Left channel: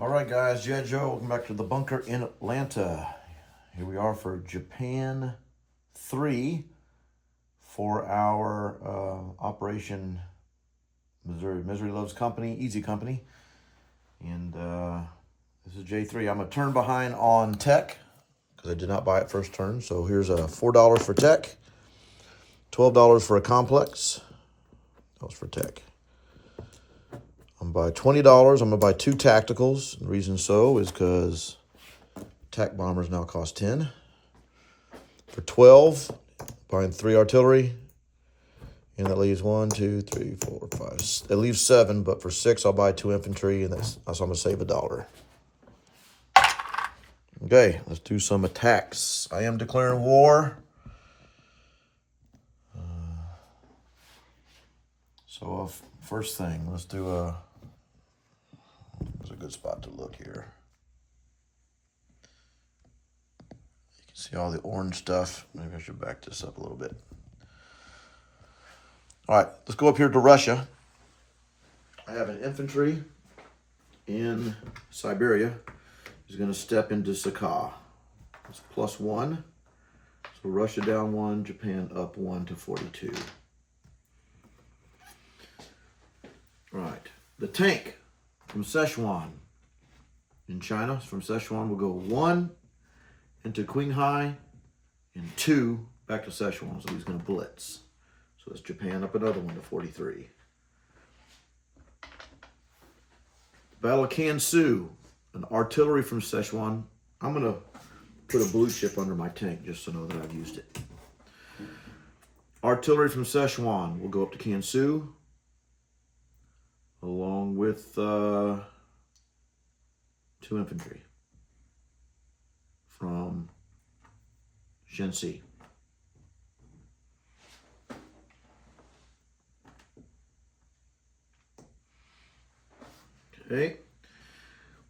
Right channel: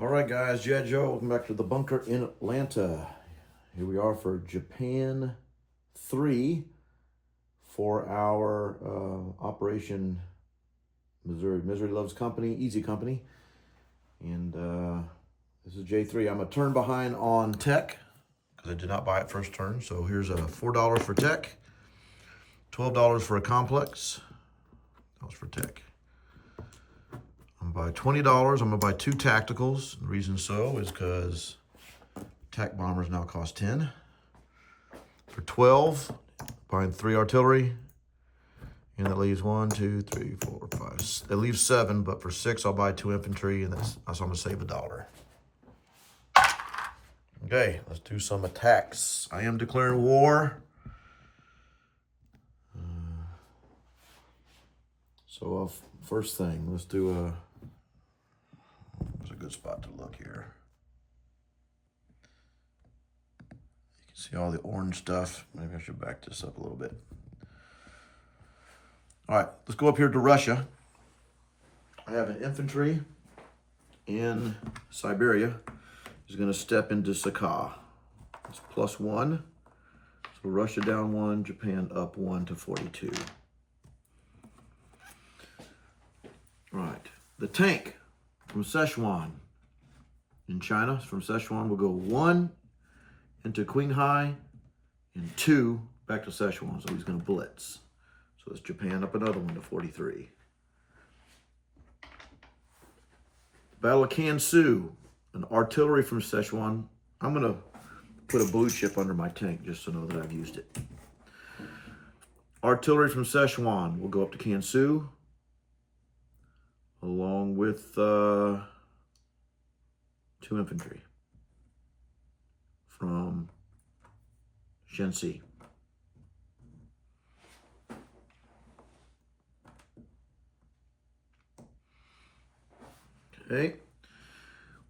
All right, guys, Jed Joe, welcome back to the bunker in Atlanta. Here we are for Japan 3 for our Operation Misery Loves Company, Easy Company. And this is J3. I'm going to turn behind on tech because I did not buy it first turn. So here's $4 for tech, $12 for a complex. That was for tech. I'm going to buy $20. I'm going to buy 2 tacticals. The reason so is because tac bombers now cost 10. For 12, buying 3 artillery. And that leaves 1, 2, 3, 4, 5. It leaves 7, but for 6, I'll buy 2 infantry, and that's I'm going to save $1. Okay, let's do some attacks. I am declaring war. First thing, let's do there's a good spot to look here. You can see all the orange stuff. Maybe I should back this up a little bit. All right, let's go up here to Russia. I have an infantry in Siberia. He's going to step into Sakha. It's +1. So Russia down 1, Japan up 1 to 42. Right. The tank from Sichuan in China, from Sichuan, will go 1 into Qinghai and 2 back to Sichuan. So he's going to blitz. So it's Japan up another 1 to 43. Battle of Kansu, an artillery from Sichuan. I'm going to put a blue chip under my tank just to know that I've used it. Artillery from Sichuan will go up to Kansu, along with 2 infantry from Shenxi. Okay.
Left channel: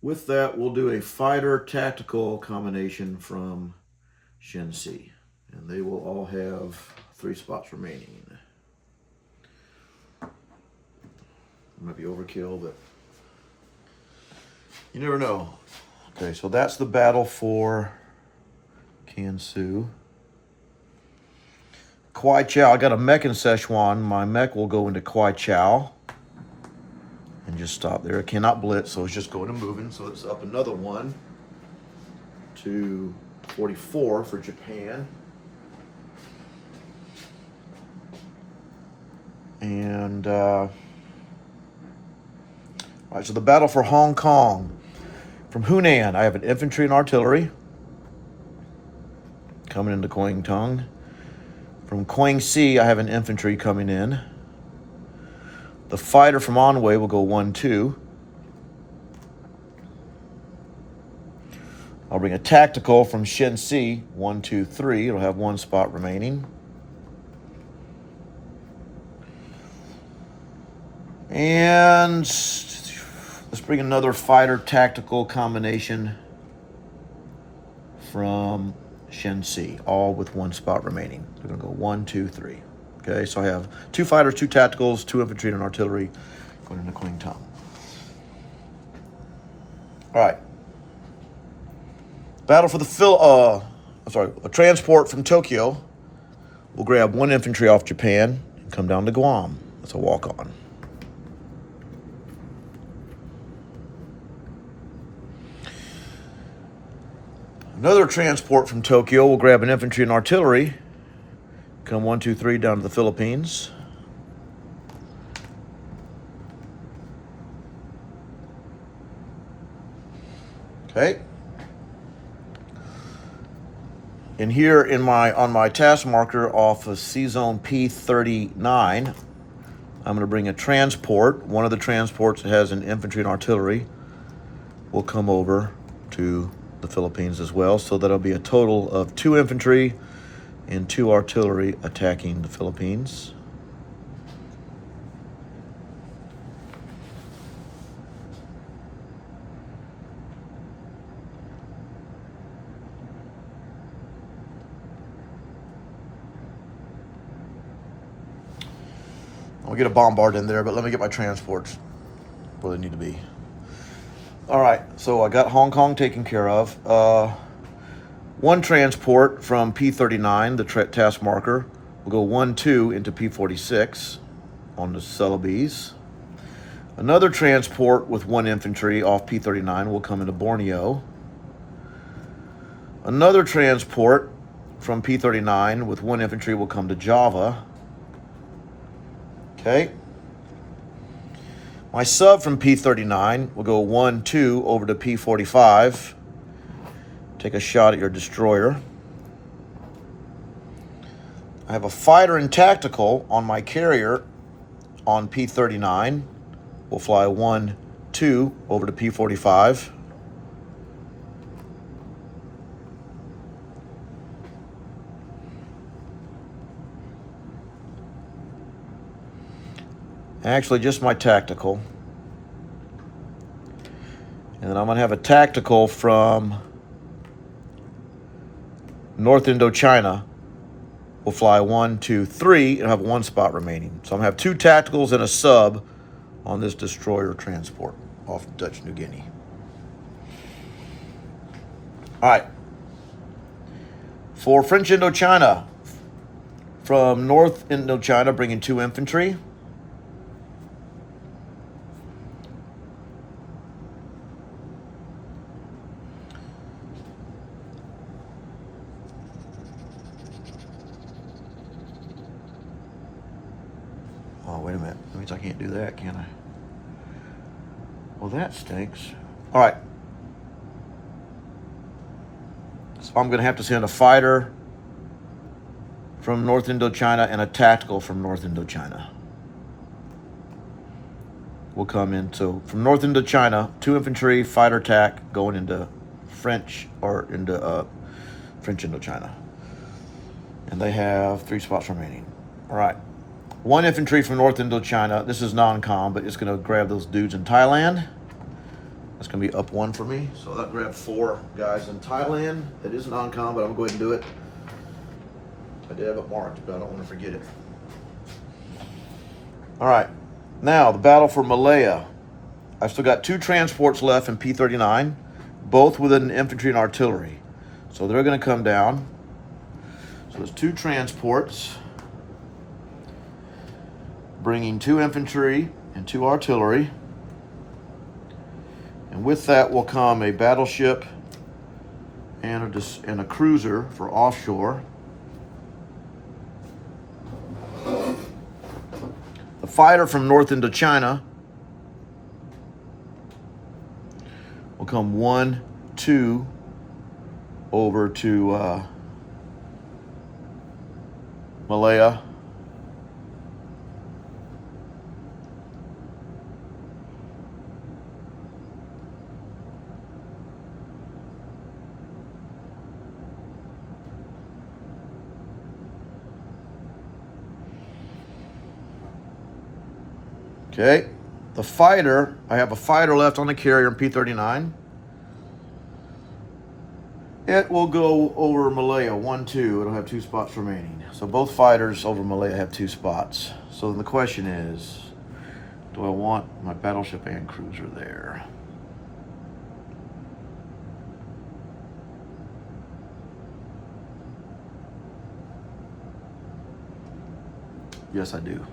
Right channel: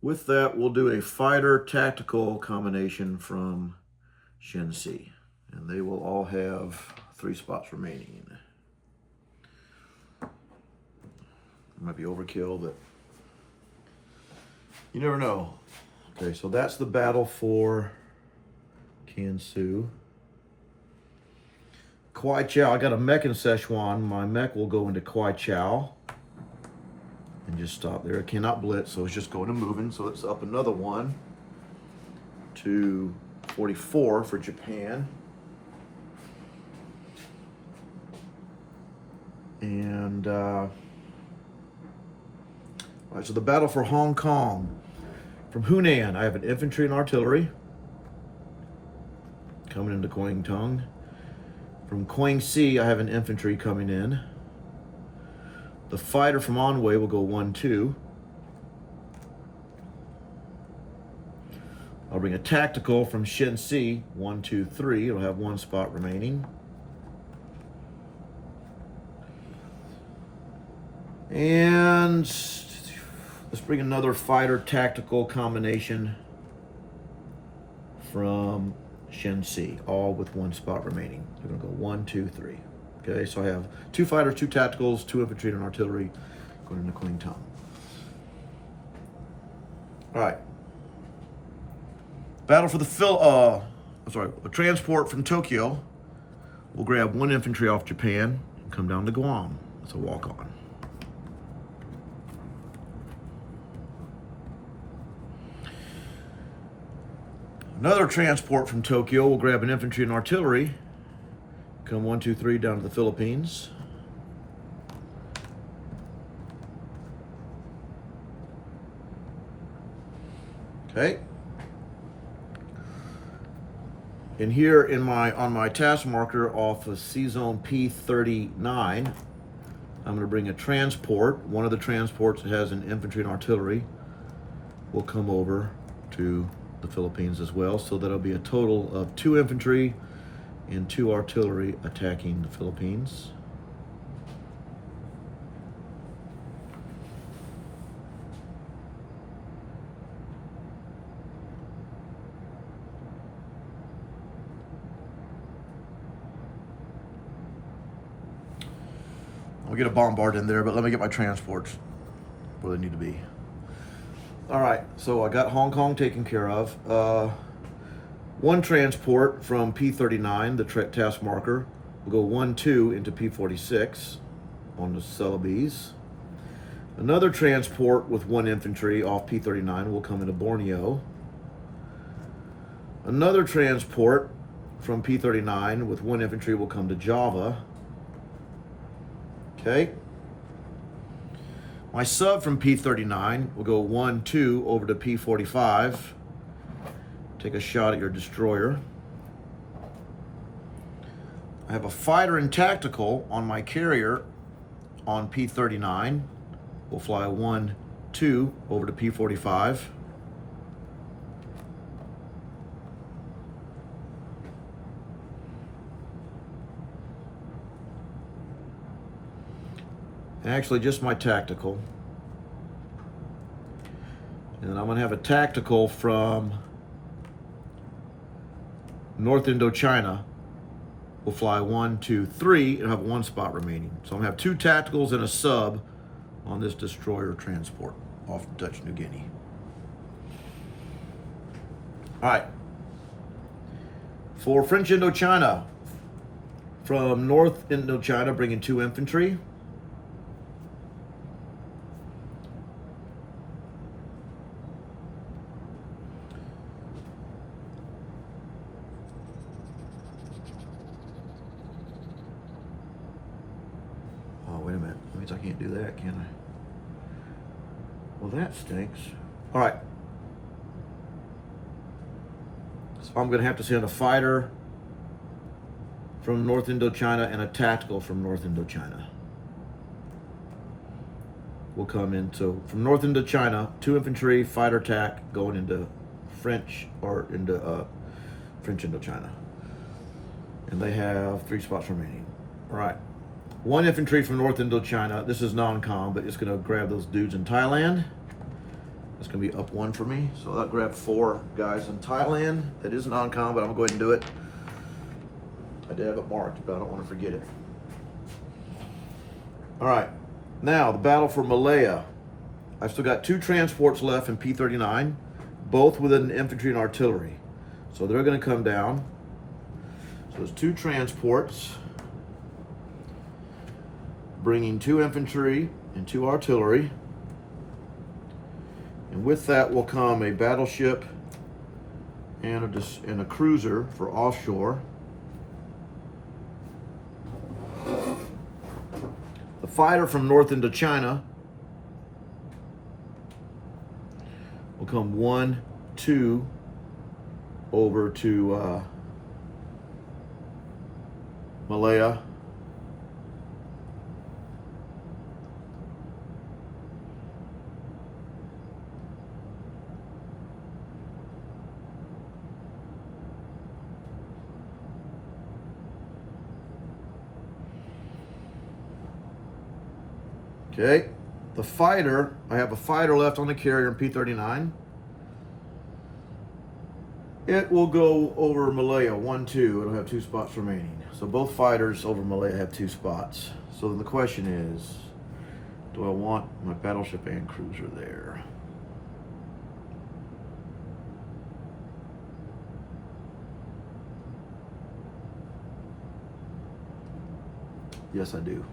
With that, we'll do a fighter tactical combination from Shenxi, and they will all have 3 spots remaining. Might be overkill, but you never know. Okay, so that's the battle for Kansu. Kwai Chao, I got a mech in Sichuan. My mech will go into Kwai Chao and just stop there. It cannot blitz, so it's just going to moving. So it's up another 1 to 44 for Japan. And all right, so the battle for Hong Kong. From Hunan, I have an infantry and artillery coming into Guangdong. From Guangxi, I have an infantry coming in. The fighter from Anhui will go 1-2. I'll bring a tactical from Shenxi, 1, 2, 3. It'll have 1 spot remaining. And let's bring another fighter tactical combination from Shenxi, all with 1 spot remaining. We're going to go 1, 2, 3. Okay, so I have 2 fighters, 2 tacticals, 2 infantry, and an artillery going into Guangdong. All right. Battle for the a transport from Tokyo. We'll grab 1 infantry off Japan and come down to Guam. That's a walk-on. Another transport from Tokyo will grab an infantry and artillery. Come 1, 2, 3 down to the Philippines. Okay. And here on my task marker off of C zone P39, I'm going to bring a transport. One of the transports that has an infantry and artillery will come over to the Philippines as well. So that'll be a total of 2 infantry and 2 artillery attacking the Philippines. I'll get a bombard in there, but let me get my transports where they need to be. All right, so I got Hong Kong taken care of. One transport from P39, the task marker, will go 1-2 into P46 on the Celebes. Another transport with 1 infantry off P39 will come into Borneo. Another transport from P39 with 1 infantry will come to Java. Okay. My sub from P39 will go 1-2 over to P45. Take a shot at your destroyer. I have a fighter and tactical on my carrier on P39. We'll fly 1-2 over to P45. Actually, just my tactical. And then I'm going to have a tactical from North Indochina. We'll fly 1, 2, 3, and have 1 spot remaining. So I'm going to have 2 tacticals and a sub on this destroyer transport off Dutch New Guinea. All right. For French Indochina, from North Indochina, bringing 2 infantry. Oh, wait a minute. That means I can't do that, can I? Well, that stinks. All right. So I'm going to have to send a fighter from North Indochina and a tactical from North Indochina. Will come into, from North Indochina, 2 infantry, fighter tac, going into French, or into French Indochina. And they have 3 spots remaining. All right. 1 infantry from North Indochina. This is non-com, but it's going to grab those dudes in Thailand. That's going to be up 1 for me. So that grabbed 4 guys in Thailand. That is non-com, but I'm going to go ahead and do it. I did have it marked, but I don't want to forget it. All right. Now, the battle for Malaya. I've still got 2 transports left in P39, both with an infantry and artillery. So they're going to come down. So there's 2 transports, bringing 2 infantry and 2 artillery. And with that will come a battleship and a cruiser for offshore. The fighter from North Indochina will come 1-2 over to Malaya. Okay, the fighter, I have a fighter left on the carrier in P39. It will go over Malaya 1-2. It'll have 2 spots remaining. So both fighters over Malaya have 2 spots. So then the question is, do I want my battleship and cruiser there? Yes, I do.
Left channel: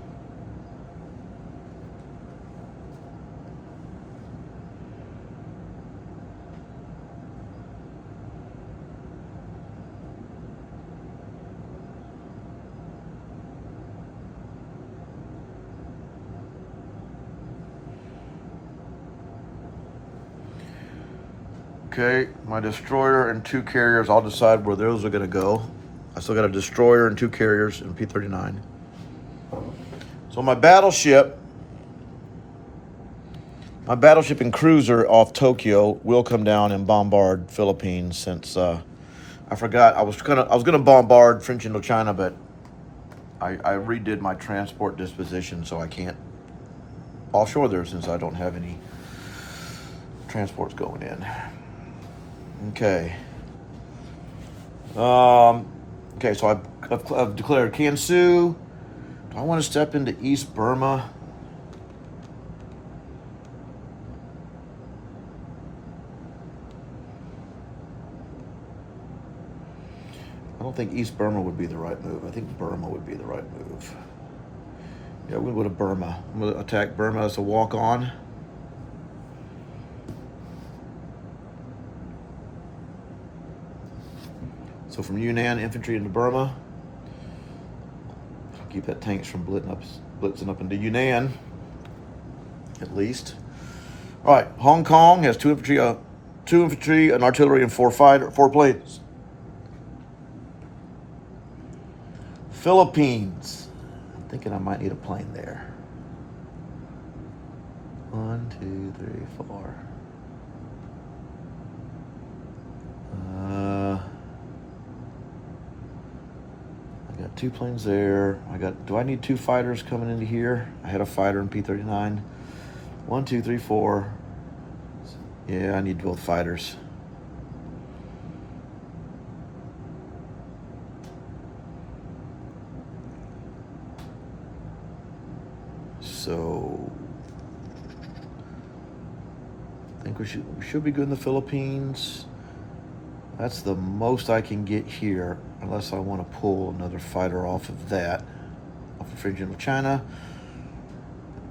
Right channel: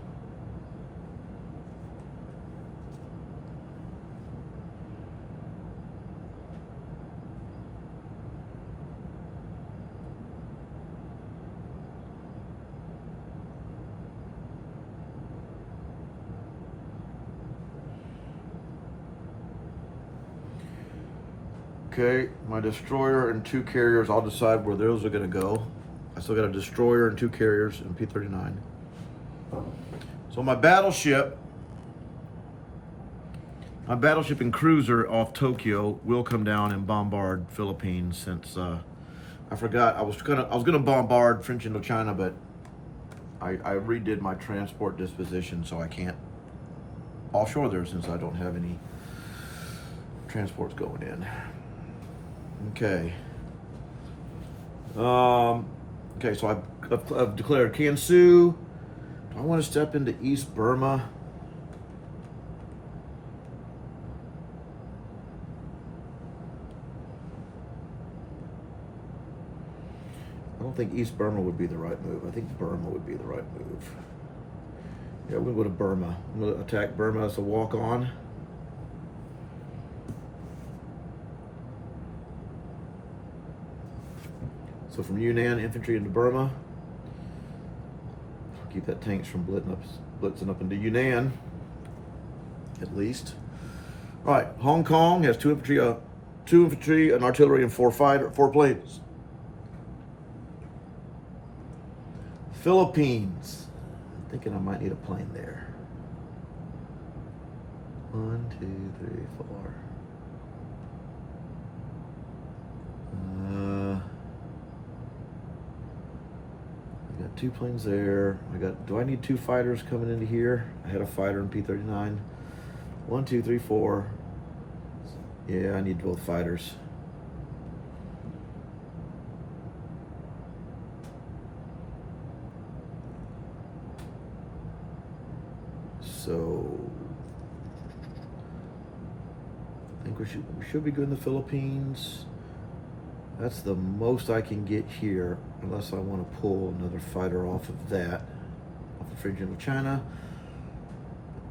Okay, my destroyer and 2 carriers, I'll decide where those are going to go. I still got a destroyer and 2 carriers in P39. So my battleship and cruiser off Tokyo will come down and bombard Philippines, since I forgot I was gonna bombard French Indochina, but I redid my transport disposition, so I can't offshore there since I don't have any transports going in. Okay. Okay, so I've declared Kansu. Do I want to step into East Burma? don't think East Burma would be the right move. I think Burma would be the right move. Yeah, we'll go to Burma. I'm going to attack Burma as a walk-on. So from Yunnan, infantry into Burma. Keep that tanks from blitzing up into Yunnan, at least. All right, Hong Kong has two infantry, an artillery, and four planes. Philippines. I'm thinking I might need a plane there. 1, 2, 3, 4. I got 2 planes there. Do I need 2 fighters coming into here? I had a fighter in P-39. 1, 2, 3, 4. Yeah, I need both fighters. So I think we should be good in the Philippines. That's the most I can get here, unless I want to pull another fighter off of that, off the fringe of China.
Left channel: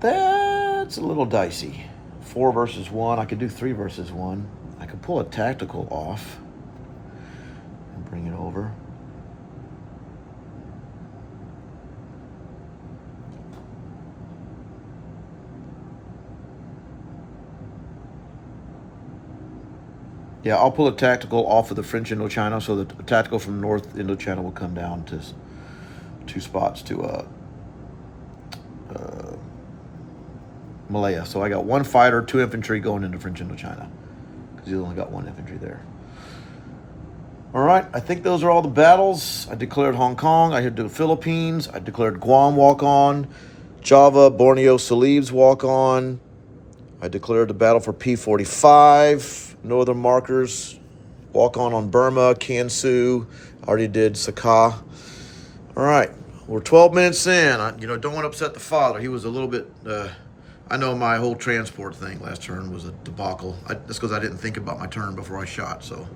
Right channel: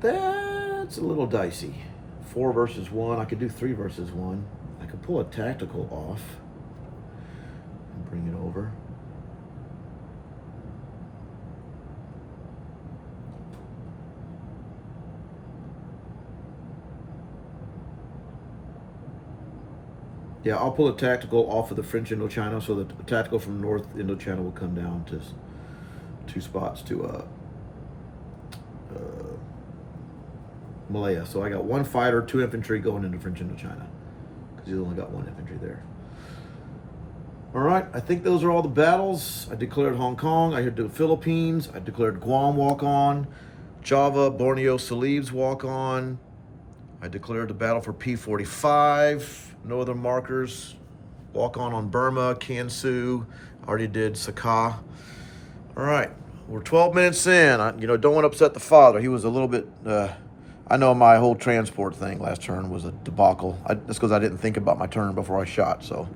That's a little dicey. 4 versus 1. I could do 3 versus 1. I could pull a tactical off and bring it over. Yeah, I'll pull a tactical off of the French Indochina, so the tactical from North Indochina will come down to 2 spots to Malaya. So I got 1 fighter, 2 infantry going into French Indochina, because he's only got 1 infantry there. All right, I think those are all the battles. I declared Hong Kong. I had the Philippines. I declared Guam walk-on, Java, Borneo, Celebes walk-on. I declared the battle for P-45. Northern markers, walk on Burma, Kansu. Already did Sakha. All right, we're 12 minutes in. Don't want to upset the father. He was a little bit. I know my whole transport thing last turn was a debacle. That's because I didn't think about my turn before I shot. So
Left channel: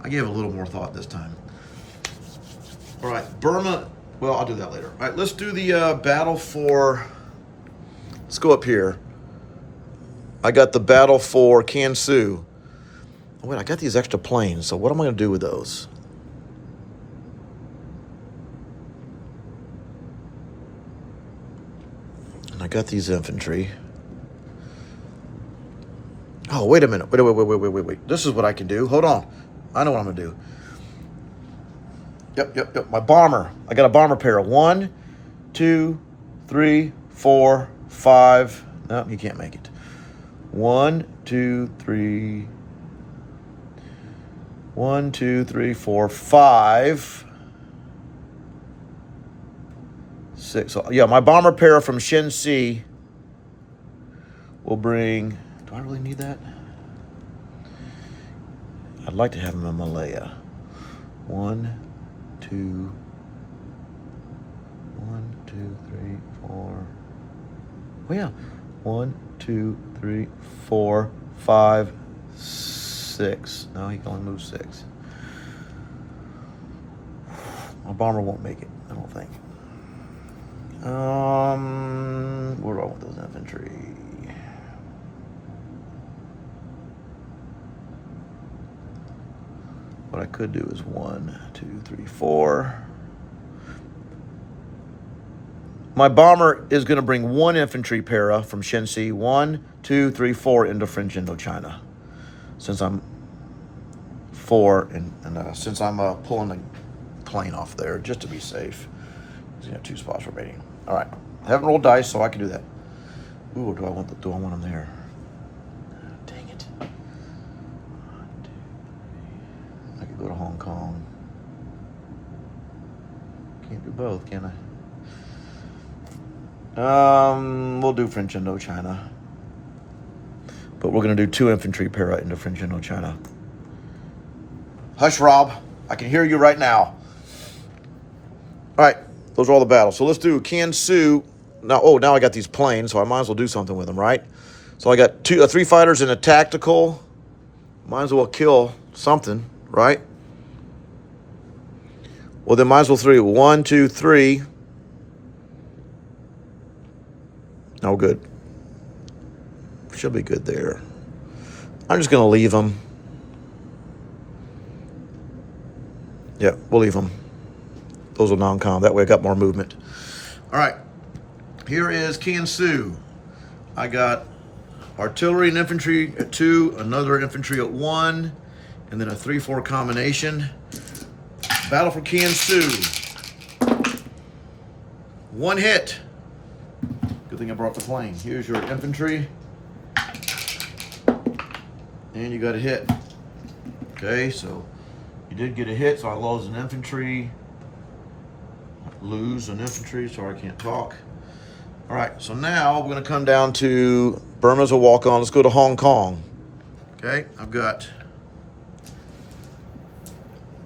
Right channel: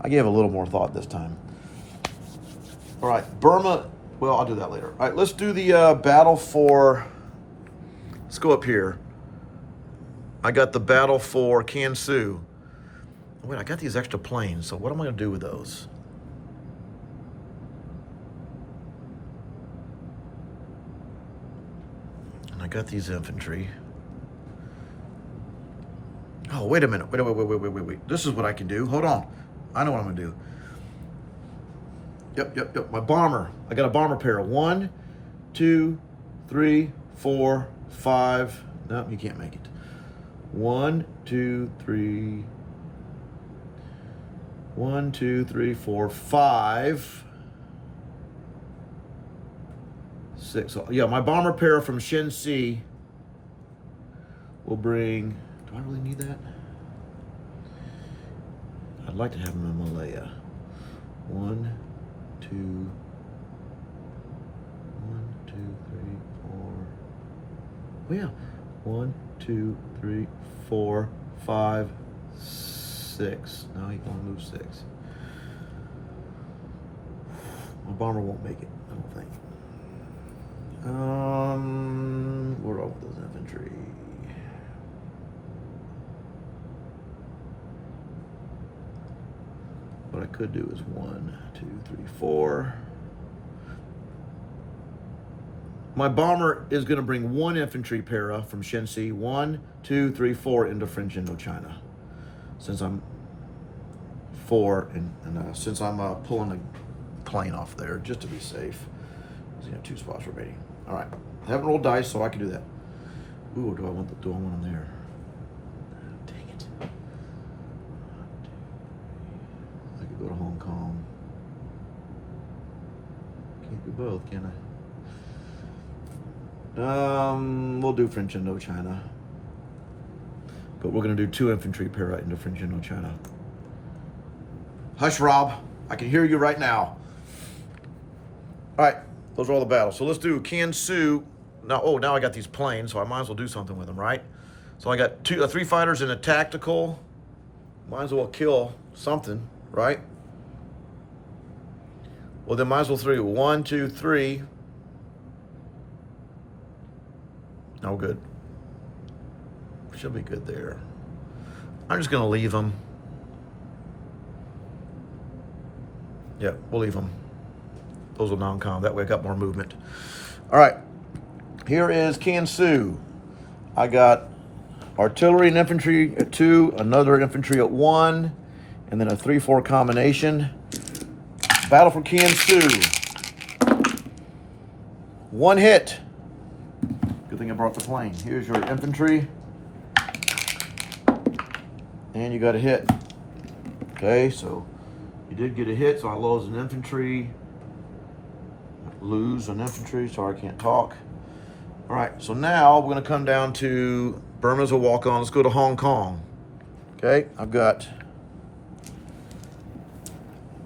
I gave a little more thought this time. All right, Burma. Well, I'll do that later. All right, let's do the battle for. Let's go up here. I got the battle for Kansu. Wait, I got these extra planes, so what am I going to do with those? And I got these infantry. Oh, wait a minute. Wait. This is what I can do. Hold on. I know what I'm going to do. Yep. My bomber. I got a bomber pair. 1, 2, 3, 4, 5. No, you can't make it. 1, 2, 3... 1, 2, 3, 4, 5, 6. So, yeah, my bomber pair from Shenxi will bring. Do I really need that? I'd like to have him in Malaya. 1, 2, 1, 2, 3, 4. Oh yeah, 1, 2, 3, 4, 5, 6. No, he can only move 6. My bomber won't make it, I don't think. Where do I want those infantry? What I could do is 1, 2, 3, 4. My bomber is going to bring 1 infantry para from Shenxi. 1, 2, 3, 4 into French Indochina. Since I'm 4 and since I'm pulling the plane off there just to be safe. So 2 spots remaining. All right, I haven't rolled dice, so I can do that. Ooh, do I want them there? Dang it! I could go to Hong Kong. Can't do both, can I? We'll do French Indochina. But we're going to do 2 infantry para into French Indochina. Hush, Rob. I can hear you right now. All right, those are all the battles. So let's do Kansu. Now I got these planes, so I might as well do something with them, right? So I got 3 fighters and a tactical. Might as well kill something, right? Well, then might as well 3. 1, 2, 3. No good. Should be good there. I'm just going to leave them. Yeah, we'll leave them. Those are non-com. That way I got more movement. All right. Here is Kansu. I got artillery and infantry at 2, another infantry at 1, and then a 3-4 combination. Battle for Kansu. 1 hit. Good thing I brought the plane. Here's your infantry. And you got a hit. Okay, so you did get a hit, so I lost an infantry. Lose an infantry, sorry I can't talk. All right, so now we're gonna come down to Burma's a walk-on. Let's go to Hong Kong. Okay, I've got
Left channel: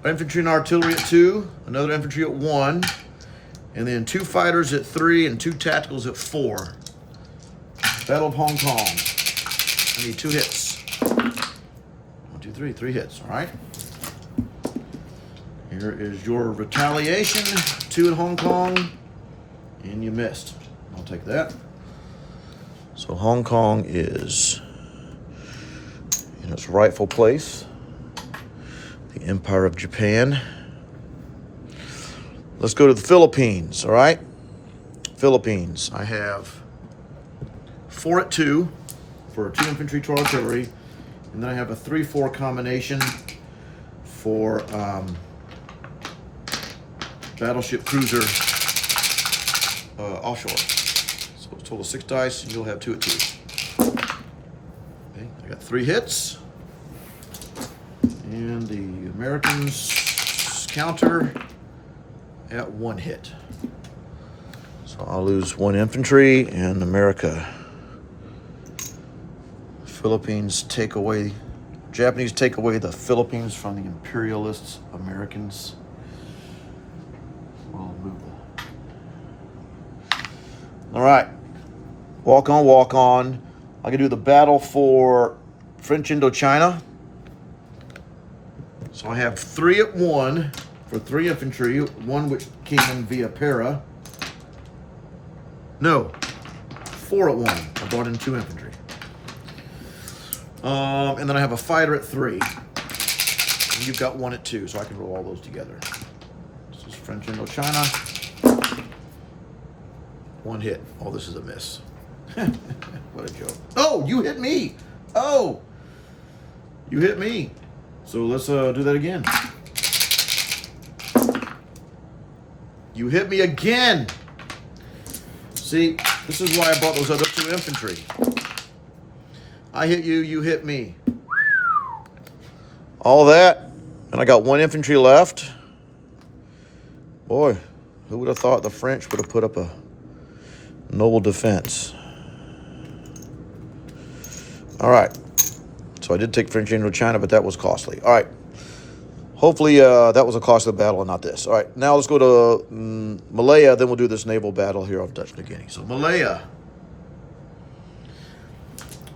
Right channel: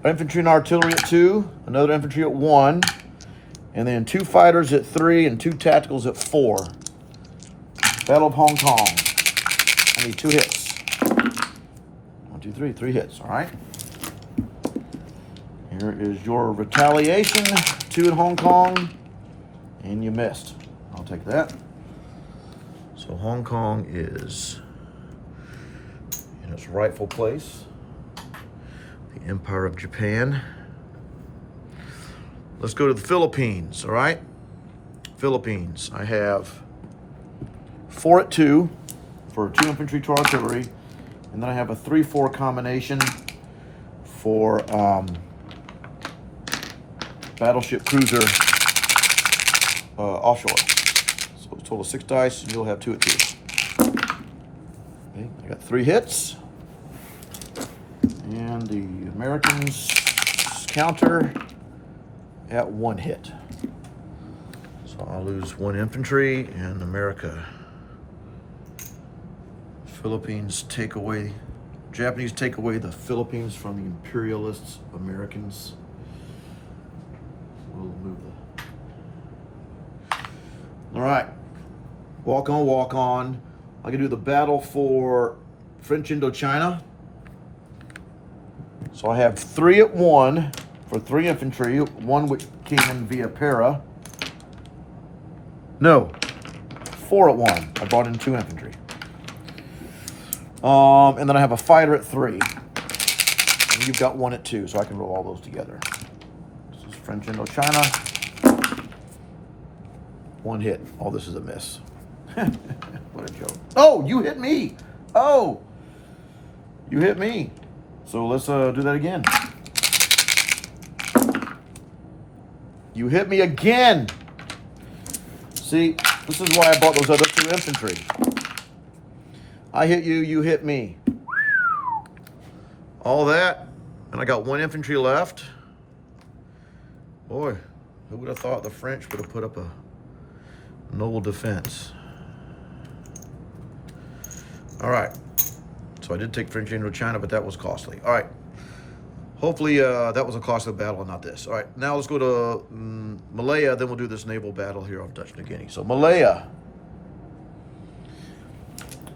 infantry and artillery at 2, another infantry at 1, and then 2 fighters at 3 and 2 tacticals at 4. Battle of Hong Kong. I need 2 hits. 1, 2, 3, 3 hits, all right? Here is your retaliation, 2 in Hong Kong, and you missed. I'll take that. So Hong Kong is in its rightful place, the Empire of Japan. Let's go to the Philippines, all right? Philippines, I have 4 at 2 for 2 infantry, 2 artillery, and then I have a 3-4 combination for battleship cruiser offshore. So a total of 6 dice, and you'll have 2 at 2. Okay, I got 3 hits. And the Americans counter at 1 hit. So I'll lose 1 infantry, and America. Philippines take away, Japanese take away the Philippines from the imperialists, Americans. All right, walk on, walk on. I can do the battle for French Indochina. So I have 3 at 1 for 3 infantry, 1 which came in via para. No, 4 at 1. I brought in 2 infantry. And then I have a fighter at 3. And you've got 1 at 2, so I can roll all those together. This is French Indochina. 1 hit. All this is a miss. What a joke. Oh, you hit me. Oh, you hit me. So let's do that again. You hit me again. See, this is why I bought those other 2 infantry. I hit you, you hit me. All that, and I got 1 infantry left. Boy, who would have thought the French would have put up a noble defense. All right. So I did take French Indochina, but that was costly. All right. Hopefully that was a costly battle and not this. All right. Now let's go to Malaya. Then we'll do this naval battle here off Dutch New Guinea. So Malaya.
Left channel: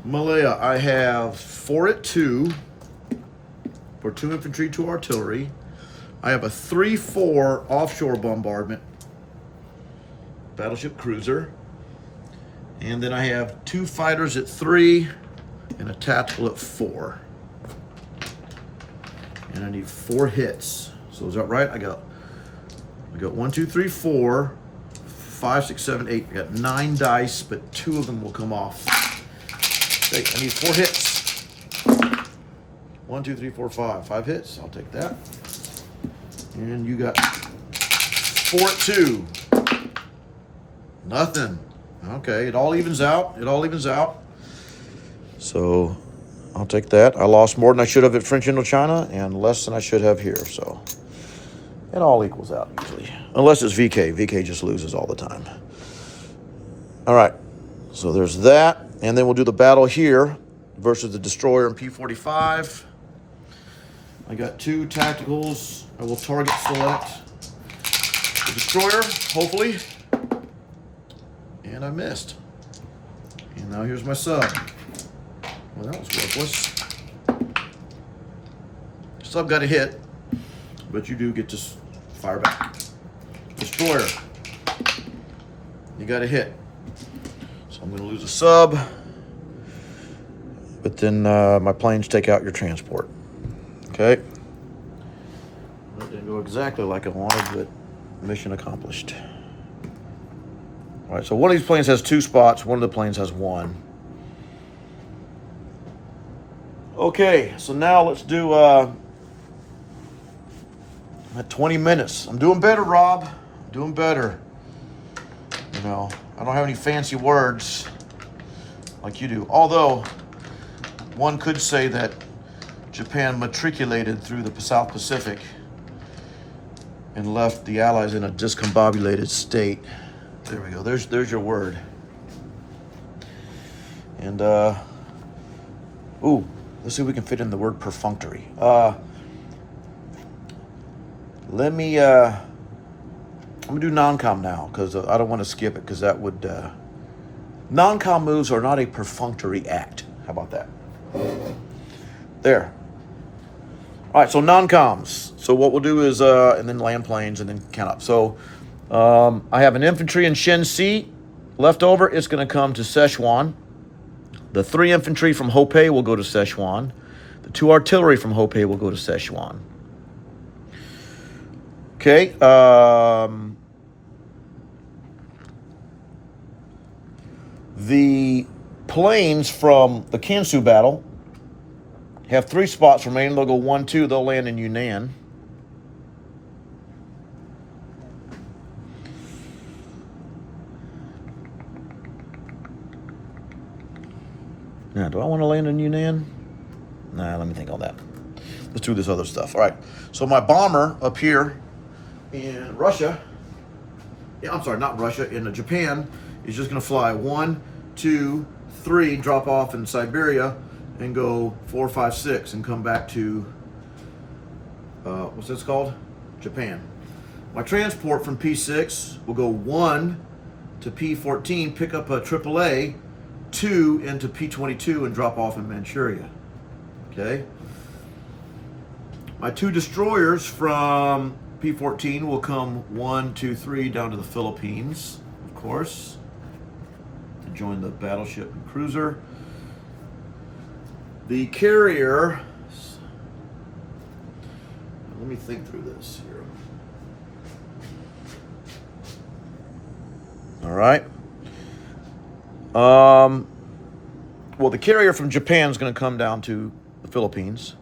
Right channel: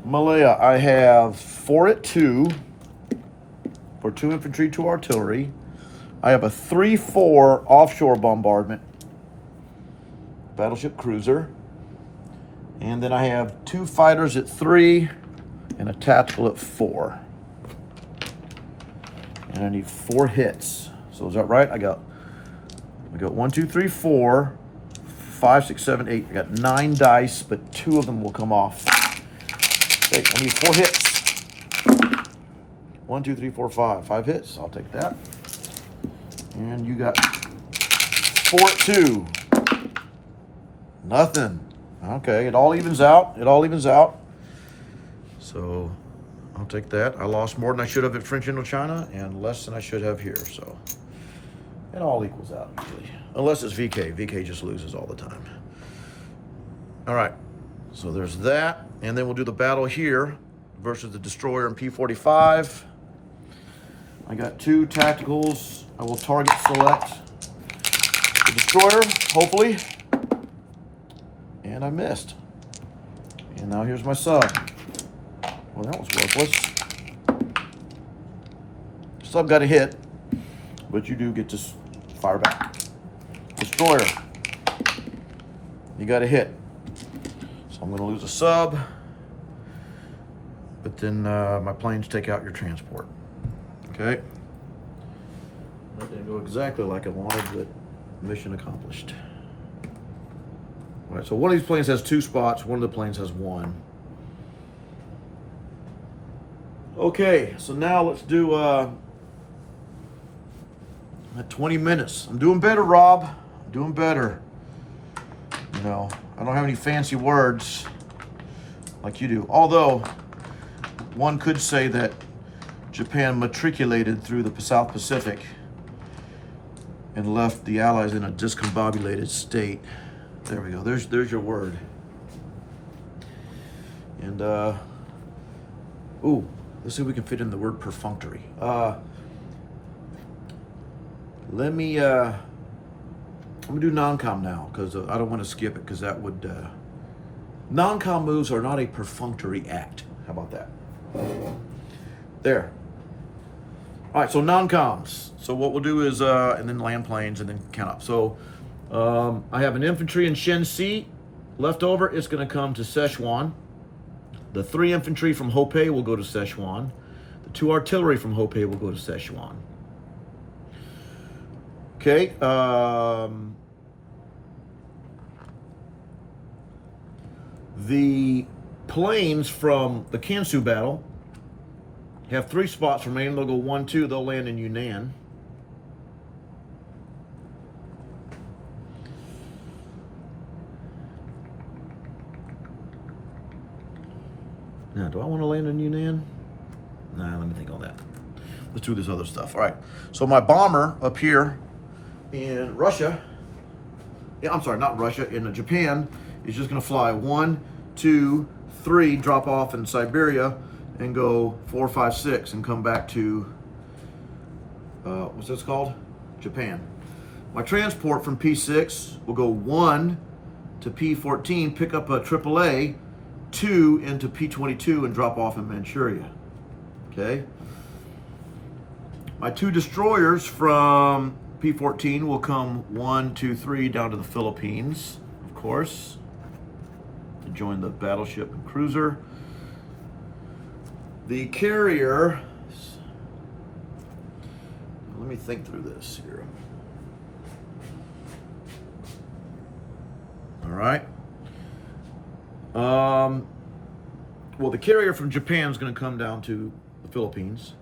Malaya, I have 4 at 2 for 2 infantry, 2 artillery. I have a 3-4 offshore bombardment battleship cruiser. And then I have 2 fighters at 3 and a tactical at 4. And I need 4 hits. So is that right? I got 1, 2, 3, 4, 5, 6, 7, 8. I got 9 dice, but 2 of them will come off. Okay, I need 4 hits. 1, 2, 3, 4, 5. 5 hits. I'll take that. And you got 4 at 2. Nothing. Okay, it all evens out. It all evens out. So I'll take that. I lost more than I should have at French Indochina and less than I should have here. So it all equals out usually. Unless it's VK. VK just loses all the time. All right. So there's that. And then we'll do the battle here versus the destroyer and P-45. I got 2 tacticals. I will target select the destroyer, hopefully. And I missed. And now here's my sub. Well, that was worthless. Sub got a hit, but you do get to Fire back. Destroyer. You got a hit. So I'm going to lose a sub. But then my planes take out your transport. Okay. That didn't go exactly like I wanted, but mission accomplished. All right, so one of these planes has 2 spots. One of the planes has 1. Okay, so now let's do at 20 minutes. I'm doing better, Rob. I'm doing better. You know, I don't have any fancy words like you do. Although, one could say that Japan matriculated through the South Pacific and left the Allies in a discombobulated state. There we go. There's your word. And ooh, let's see if we can fit in the word perfunctory. Let me I'm gonna do non-com now because I don't want to skip it because that would non-com moves are not a perfunctory act. How about that? There. All right, so non-coms. So what we'll do is and then land planes and then count up. So I have an infantry in Shenxi left over. It's going to come to Sichuan. The 3 infantry from Hopei will go to Sichuan. The 2 artillery from Hopei will go to Sichuan. Okay. The planes from the Kansu battle have 3 spots remaining. They'll go 1, 2. They'll land in Yunnan. Now, do I want to land in Yunnan? Nah, let me think on that. Let's do this other stuff. All right. So my bomber up here in Russia, I'm sorry, not Russia, in Japan, is just going to fly 1, 2, 3, drop off in Siberia, and go 4, 5, 6, and come back to, what's this called? Japan. My transport from P6 will go 1 to P14, pick up a AAA, 2 into P22, and drop off in Manchuria. Okay. My 2 destroyers from P14 will come 1, 2, 3 down to the Philippines, of course, to join the battleship and cruiser. The carrier, let me think through this here. All right. Well, the carrier from Japan is going to come down to the Philippines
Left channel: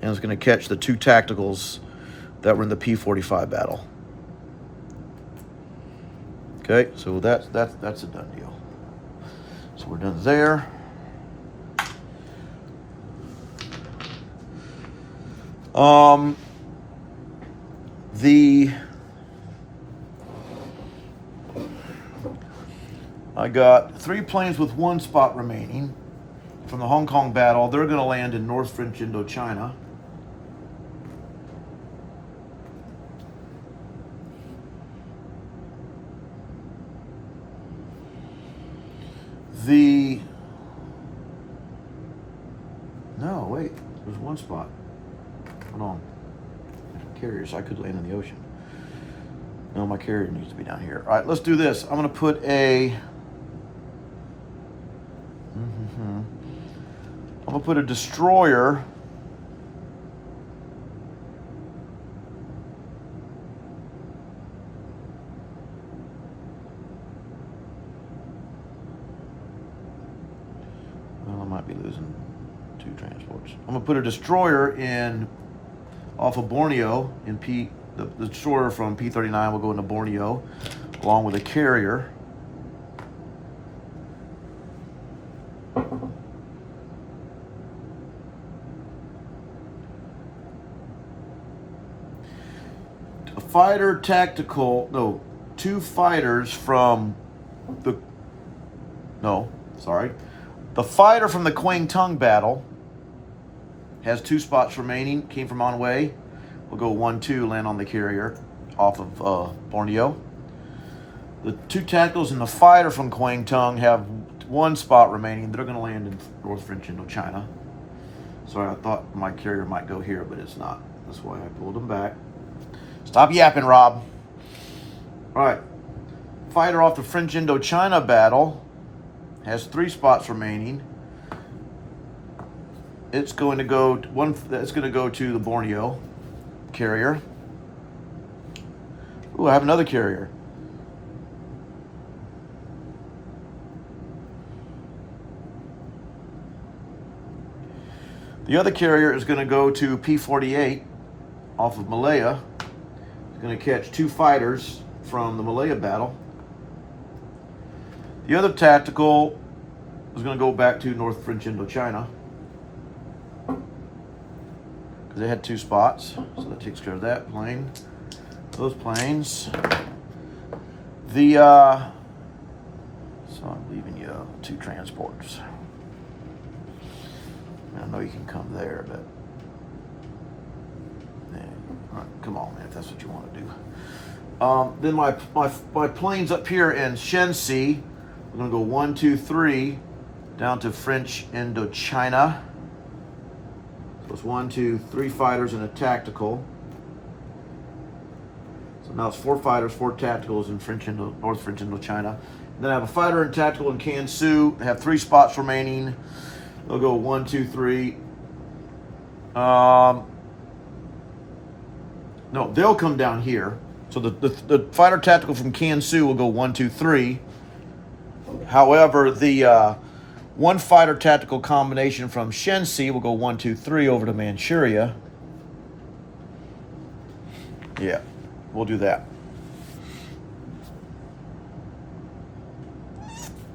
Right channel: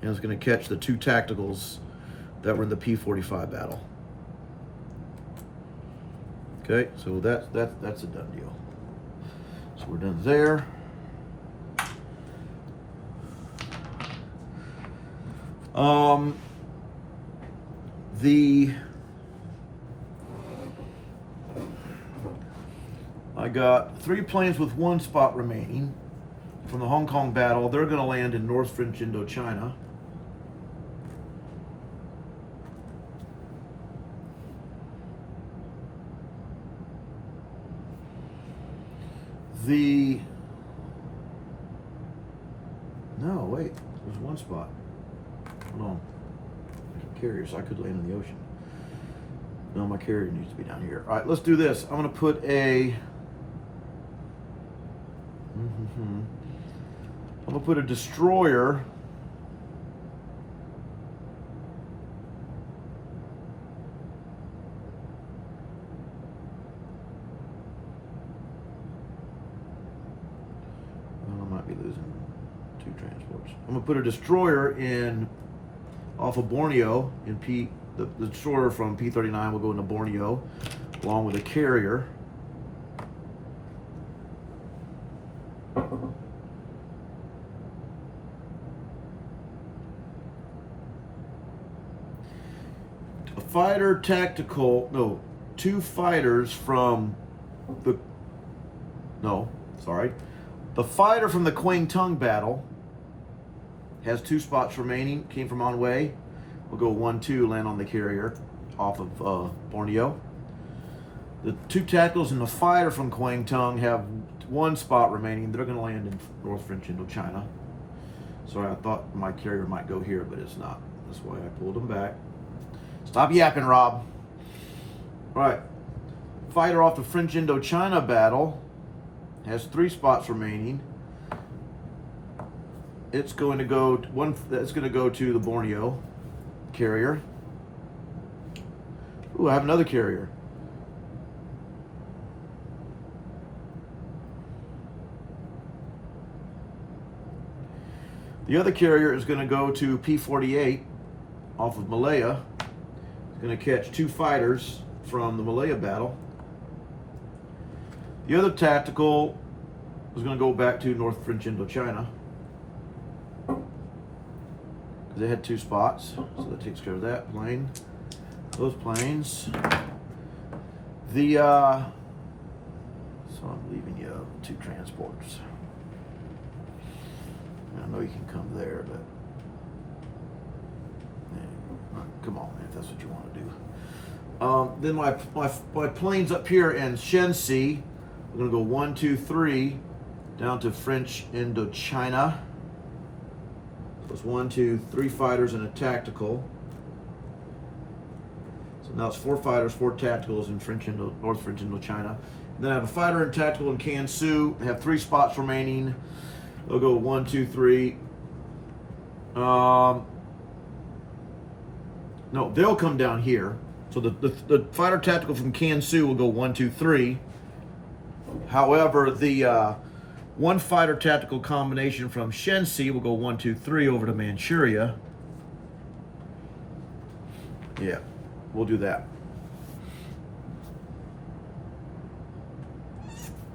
and is going to catch the 2 tacticals that were in the P-45 battle. Okay, so that's a done deal. So we're done there. I got 3 planes with 1 spot remaining from the Hong Kong battle. They're going to land in North French Indochina. No, wait, there's 1 spot. Hold on. There's carriers. I could land in the ocean. No, my carrier needs to be down here. All right, let's do this. I'm going to put a... I'm going to put a destroyer well, I might be losing 2 transports. I'm going to put a destroyer in off of Borneo in the destroyer from P-39 will go into Borneo along with a carrier. Fighter tactical, no, 2 fighters from the, the fighter from the Kwangtung battle has 2 spots remaining, came from Anhui, will go 1, 2, land on the carrier off of Borneo. The 2 tacticals and the fighter from Kwangtung have 1 spot remaining. They're going to land in North French Indochina. Sorry, I thought my carrier might go here, but it's not. That's why I pulled them back. Stop yapping, Rob. All right. Fighter off the French Indochina battle has 3 spots remaining. It's going to go to the Borneo carrier. Ooh, I have another carrier. The other carrier is going to go to P-48 off of Malaya. It's going to catch 2 fighters from the Malaya battle. The other tactical is going to go back to North French Indochina because they had 2 spots, so that takes care of that plane. Those planes. So I'm leaving you 2 transports. I know you can come there, but all right, come on, man, if that's what you want to do. Then my planes up here in Shenxi, we're going to go 1, 2, 3 down to French Indochina. So it's 1, 2, 3 fighters and a tactical. So now it's 4 fighters, 4 tacticals in North French Indochina. And then I have a fighter and tactical in Kansu. I have 3 spots remaining. They'll go 1, 2, 3. No, they'll come down here. So the fighter tactical from Kansu will go 1, 2, 3. However, the 1 fighter tactical combination from Shenxi will go 1, 2, 3 over to Manchuria. Yeah, we'll do that.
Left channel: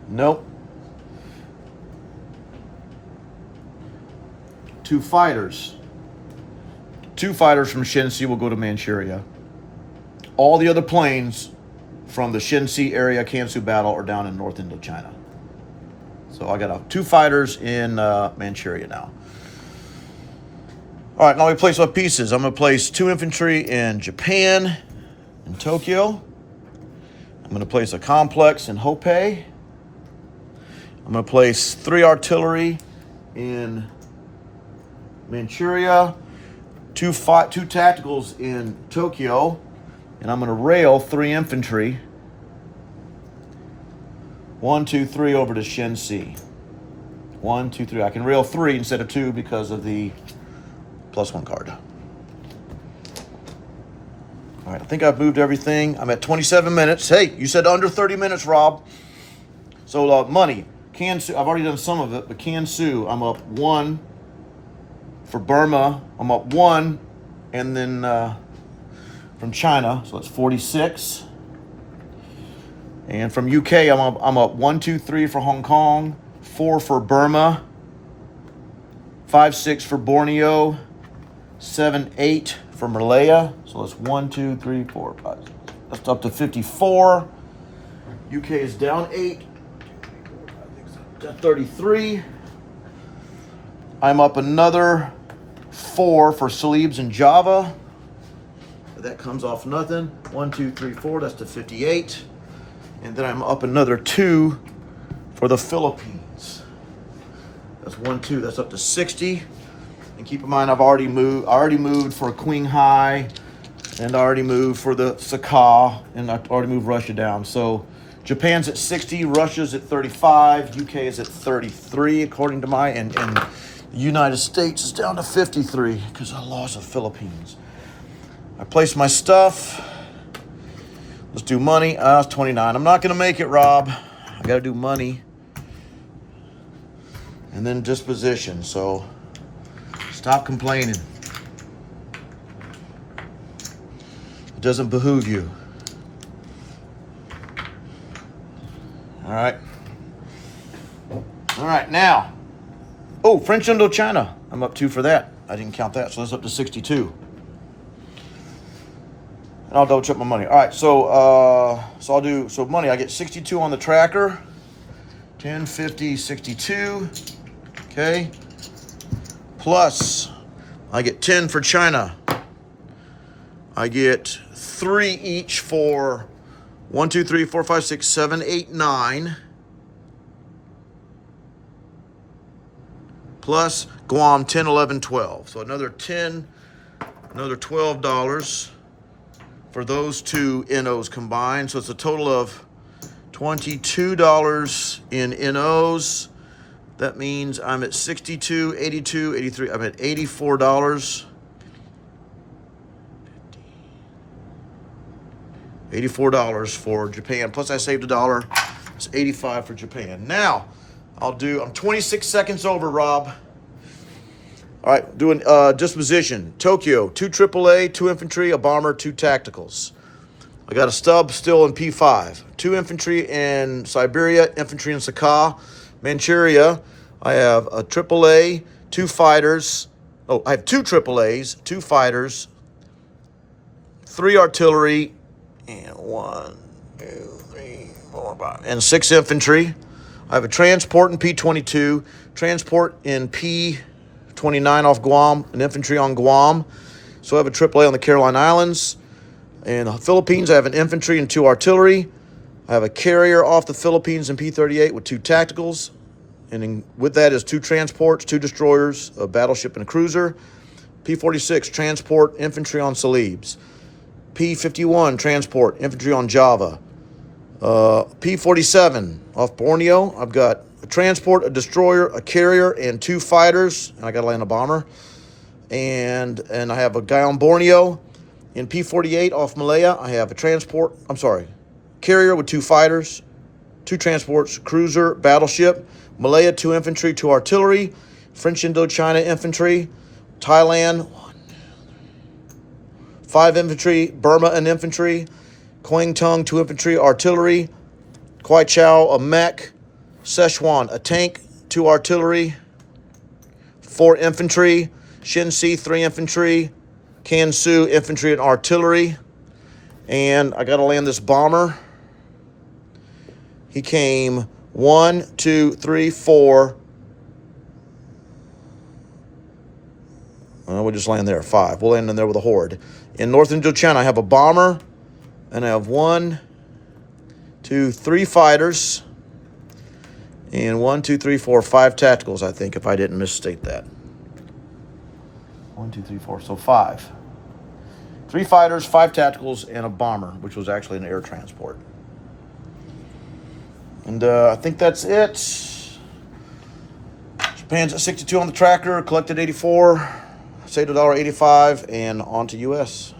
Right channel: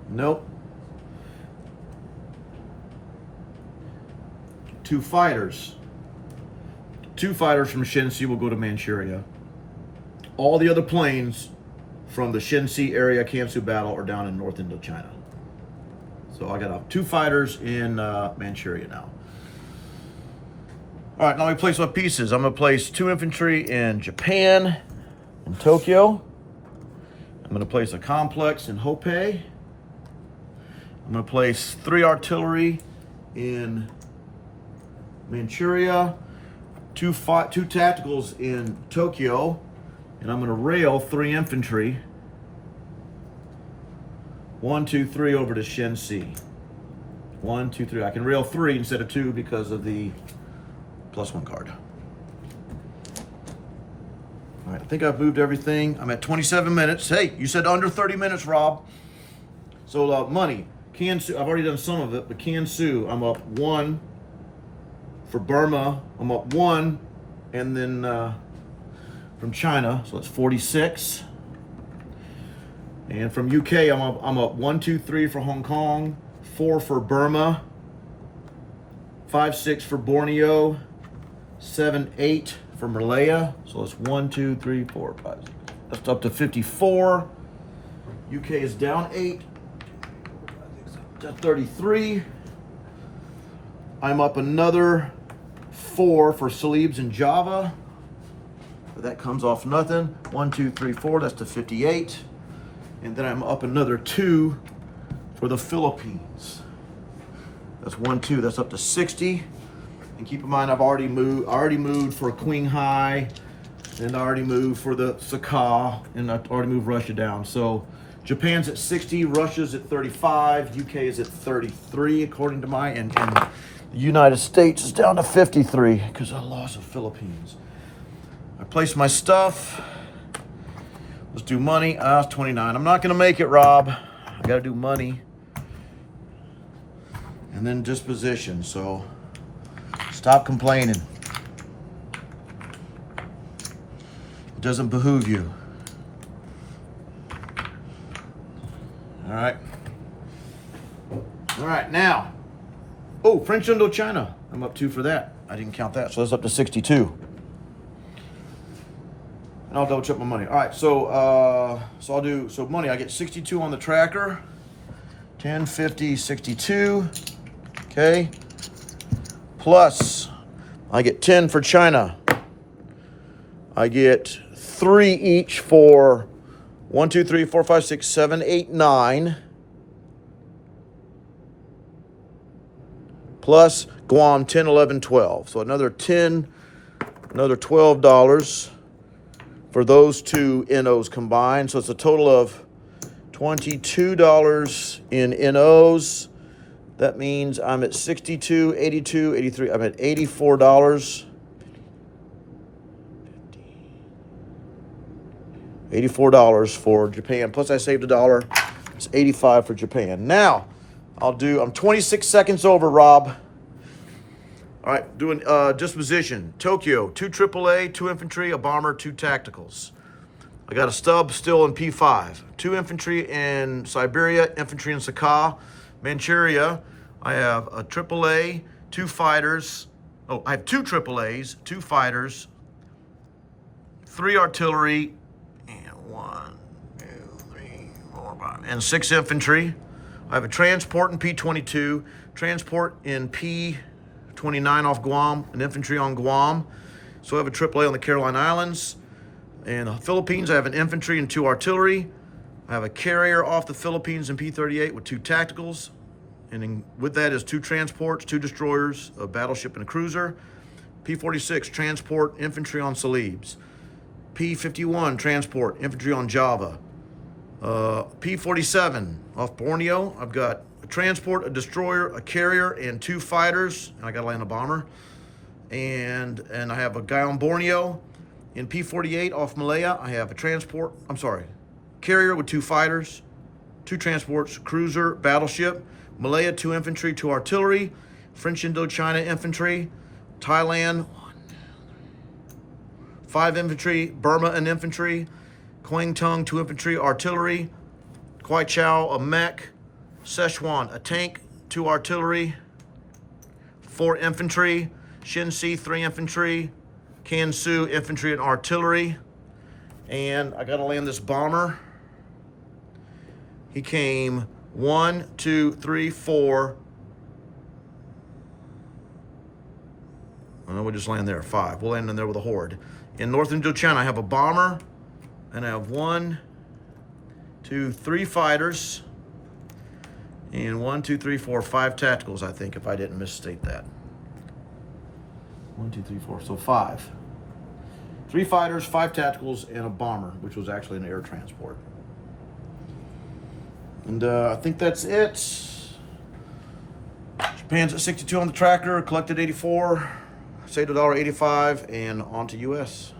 Nope. 2 fighters. 2 fighters from Shenxi will go to Manchuria. All the other planes from the Shenxi area Kansu battle are down in North Indochina. So I got 2 fighters in Manchuria now. All right, now we place my pieces. I'm going to place 2 infantry in Japan, in Tokyo. I'm going to place a complex in Hopei. I'm going to place 3 artillery in Manchuria, 2 tacticals in Tokyo, and I'm going to rail 3 infantry. 1, 2, 3 over to Shenxi. 1, 2, 3. I can rail 3 instead of 2 because of the +1 card. All right, I think I've moved everything. I'm at 27 minutes. Hey, you said under 30 minutes, Rob. So money. Kansu, I've already done some of it, but Kansu, I'm up 1. For Burma, I'm up 1. And then from China, so it's 46. And from UK, I'm up 1, 2, 3 for Hong Kong, 4 for Burma, 5, 6 for Borneo, 7, 8 for Malaya. So it's 1, 2, 3, 4, 5, 6. That's up to 54. UK is down 8. 33. I'm up another 4 for Celebes and Java. That comes off nothing. 1, 2, 3, 4. That's to 58. And then I'm up another 2 for the Philippines. That's 1, 2. That's up to 60. And keep in mind, I already moved for Qinghai, and I already moved for the Sakha, and I already moved Russia down. So Japan's at 60, Russia's at 35, UK is at 33, according to my, and the United States is down to 53 because I lost the Philippines. I placed my stuff. Let's do money. It's 29. I'm not going to make it, Rob. I got to do money. And then disposition. So stop complaining. It doesn't behoove you. All right. All right, now. Oh, French Indochina. I'm up 2 for that. I didn't count that, so that's up to 62. And I'll double check my money. All right, so I'll do, so money, I get 62 on the tracker. 10, 50, 62. Okay. Plus, I get 10 for China. I get 3 each for 1, 2, 3, 4, 5, 6, 7, 8, 9. Plus Guam, 10, 11, 12. So another 10, another $12. for those two NOs combined. So it's a total of $22 in NOs. That means I'm at $62, $82, $83. I'm at $84. $84 for Japan. Plus I saved $1. It's $85 for Japan. Now, I'm 26 seconds over, Rob. All right, doing disposition. Tokyo, 2 AAA, 2 infantry, a bomber, 2 tacticals. I got a stub still in P5. 2 infantry in Siberia, infantry in Sakha. Manchuria, I have a AAA, 2 fighters. Oh, I have 2 AAAs, 2 fighters, 3 artillery, and 1, 2, 3, 4, 5, and 6 infantry. I have a transport in P22, transport in P29 off Guam, and infantry on Guam. So I have a AAA on the Caroline Islands. In the Philippines, I have an infantry and 2 artillery. I have a carrier off the Philippines in P38 with 2 tacticals. And with that is 2 transports, 2 destroyers, a battleship and a cruiser. P46, transport, infantry on Celebes. P51, transport, infantry on Java. P47, off Borneo, I've got a transport, a destroyer, a carrier, and 2 fighters. And I got to land a bomber. And I have a guy on Borneo. In P48, off Malaya, I have a carrier with 2 fighters, 2 transports, cruiser, battleship. Malaya, 2 infantry, 2 artillery. French Indochina infantry. Thailand, 5 infantry. Burma, an infantry. Kwangtung, 2 infantry, artillery. Kwaichao, a mech. Szechuan, a tank, 2 artillery. 4 infantry. Shinsi, 3 infantry. Kansu, infantry and artillery. And I got to land this bomber. He came 1, 2, 3, 4. We'll just land there, 5. We'll land in there with a horde. In North Indochina, I have a bomber. And I have 1, 2, 3 fighters. And 1, 2, 3, 4, 5 tacticals, I think, if I didn't misstate that. 1, 2, 3, 4, so 5. 3 fighters, 5 tacticals, and a bomber, which was actually an air transport. And I think that's it. Japan's at 62 on the tracker, collected 84, saved $1.85, and on to US.